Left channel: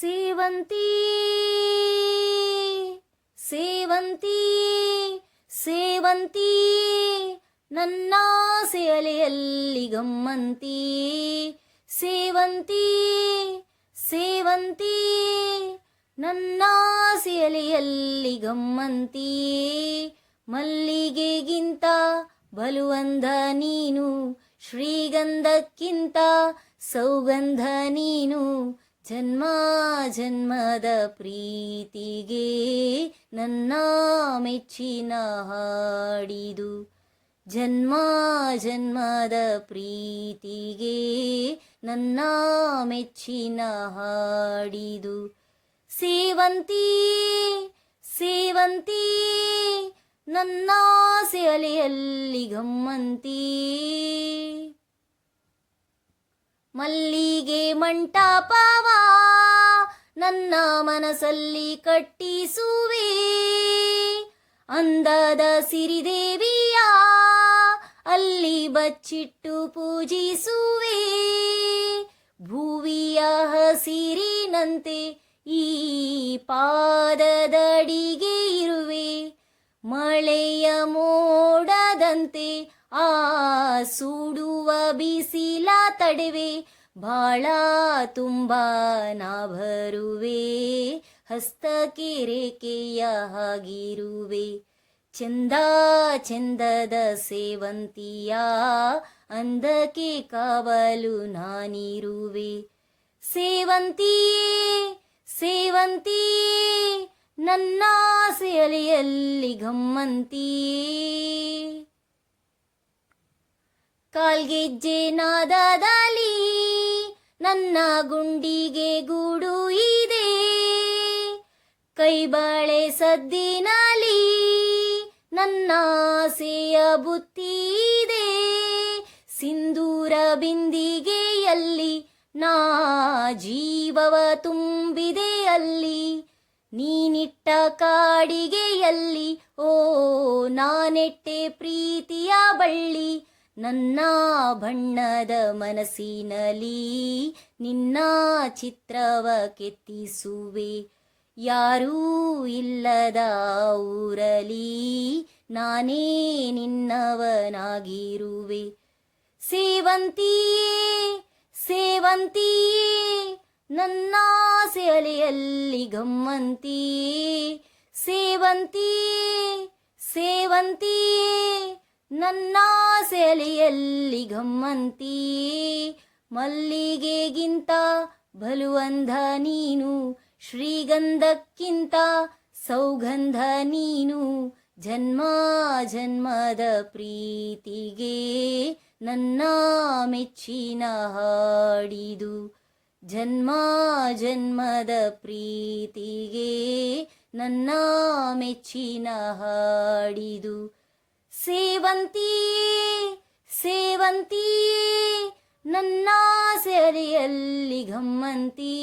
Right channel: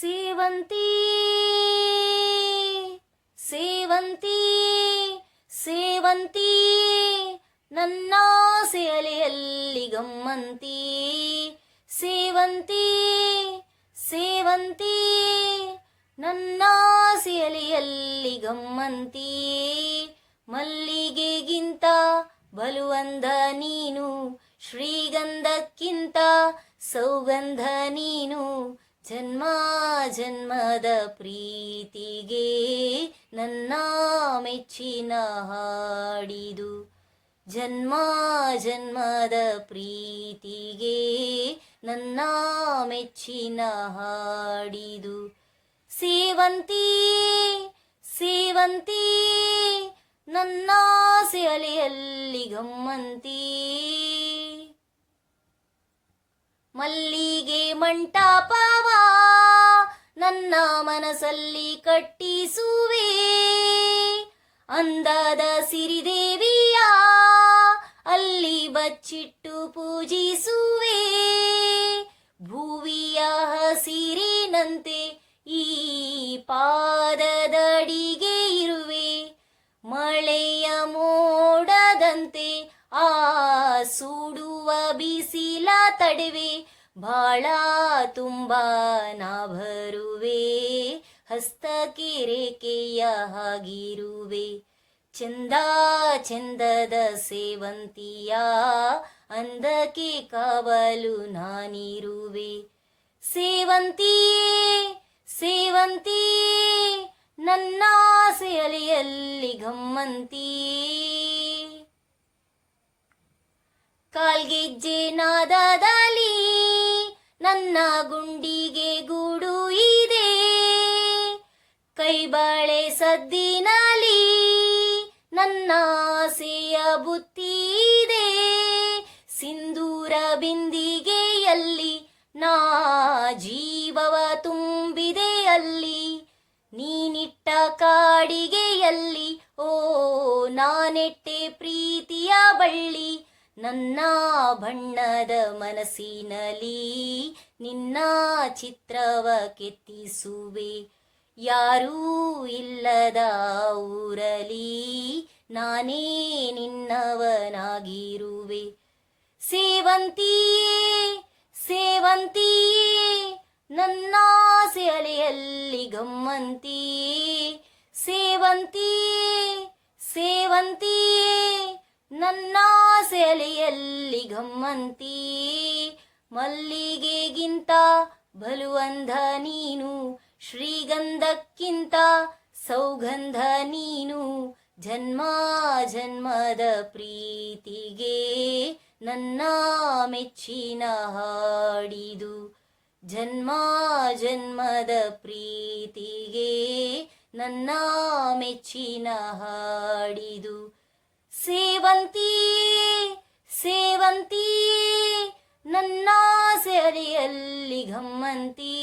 ಸೇವಂತಿ ಸೇವಂತಿ ಸೇವಂತಿ, ನನ್ನ ಸೇಲೆಯಲ್ಲಿ ಗಮ್ಮಂತಿ. ಸೇವಂತಿ ಸೇವಂತಿ, ನನ್ನ ಸೇಲೆಯಲ್ಲಿ ಗಮ್ಮಂತಿ. ಮಲ್ಲಿಗೆಗಿಂತ ಬಲುವಂದ ನೀನು, ಶ್ರೀಗಂಧಕ್ಕಿಂತ ಸೌಗಂಧ ನೀನು ಜನ್ಮ ಜನ್ಮದ ಪ್ರೀತಿಗೆ ನನ್ನ ಮೆಚ್ಚಿನ ಹಾಡಿದು. ಜನ್ಮ ಜನ್ಮದ ಪ್ರೀತಿಗೆ ನನ್ನ ಮೆಚ್ಚಿನ ಹಾಡಿದು. ಸೇವಂತಿ ಸೇವಂತಿ, ನನ್ನ ಸೆಲೆಯಲ್ಲಿ ಗಮ್ಮಂತಿ. ಮಲ್ಲಿಗೆ ಮಂಟಪವ ನನ್ನ ಮನಸ್ಸಲ್ಲಿ ಕಟ್ಟಿಸುವೆ. ಅಂದದ ಸಿರಿದೇವಿಯ, ಅಲ್ಲಿ ಬಚ್ಚಿಟ್ಟು ಪೂಜಿಸುವೆ. ಭುವಿಯ ಹಸಿರಿನಂತೆ ಈ ಪಾದದಡಿಗೆ ಇರುವೆ. ಮಳೆಯ ಮೋಡದಂತೆ ಆ ಸುಡುವ ಬಿಸಿಲ ತಡೆವೆ. ಬಾಳ ತುಂಬ ನಾಭರುವೆ ಹಸ್ತಕಿರೇಕೆಯ ಹಾಗಿರುವೆ. ಚಂದ ಚಂದದ ಸೇವಂತಿಯ, ಅಂದಕ್ಕೆ ಕಾವಲು ನಾನಿರುವೆ. ಸೇವಂತಿ ಸೇವಂತಿ ನನ್ನ ಸೆಲೆಯಲ್ಲಿ ಗಮ್ಮಂತಿ ಕಾಲ್ಗೆಜ್ಜೆ ನನ್ನ ಗುಂಡಿಗೆ ಗೂಡು ಇದೆ. ಕೈಬಾಳೆ ಸದ್ದಿನಲ್ಲಿ ನನ್ನ ಆಸೆಯ ಬುತ್ತಿ ಇದೆ. ಸಿಂಧೂರ ಬಿಂದಿಗೆಯಲ್ಲಿ ನಾ ಜೀವವ ತುಂಬಿದೆ ಅಲ್ಲಿ. ನೀನಿಟ್ಟ ಕಾಡಿಗೆಯಲ್ಲಿ, ಓ ನಾನೆಟ್ಟೆ ಪ್ರೀತಿಯ ಬಳ್ಳಿ. ನನ್ನ ಬಣ್ಣದ ಮನಸ್ಸಿನಲ್ಲಿ ನಿನ್ನ ಚಿತ್ರವ ಕೆತ್ತಿಸುವೆ. ಯಾರೂ ಇಲ್ಲದ ಊರಲಿ ನಾನೇ ನಿನ್ನವನಾಗಿರುವೆ. ಸೇವಂತಿಯೇ ಸೇವಂತಿಯೇ ನನ್ನ ಸೆಲೆಯಲ್ಲಿ ಗಮ್ಮಂತಿಯೇ. ಸೇವಂತಿಯೇ ಸೇವಂತಿಯೇ ನನ್ನ ಸೆಲೆಯಲ್ಲಿ ಗಮ್ಮಂತಿ. ಮಲ್ಲಿಗೆಗಿಂತ ಬಲುವಂಧ ನೀನು, ಶ್ರೀಗಂಧಕ್ಕಿಂತ ಸೌಗಂಧ ನೀನು. ಜನ್ಮ ಜನ್ಮದ ಪ್ರೀತಿಗೆ ನನ್ನ ಮೆಚ್ಚಿನ ಹಾಡಿದು. ಜನ್ಮ ಜನ್ಮದ ಪ್ರೀತಿಗೆ ನನ್ನ ಮೆಚ್ಚಿನ ಹಾಡಿದು. ಸೇವಂತಿಯೇ ಸೇವಂತಿಯೇ ನನ್ನ ಸೆರೆಯಲ್ಲಿ ಗಮ್ಮಂತಿ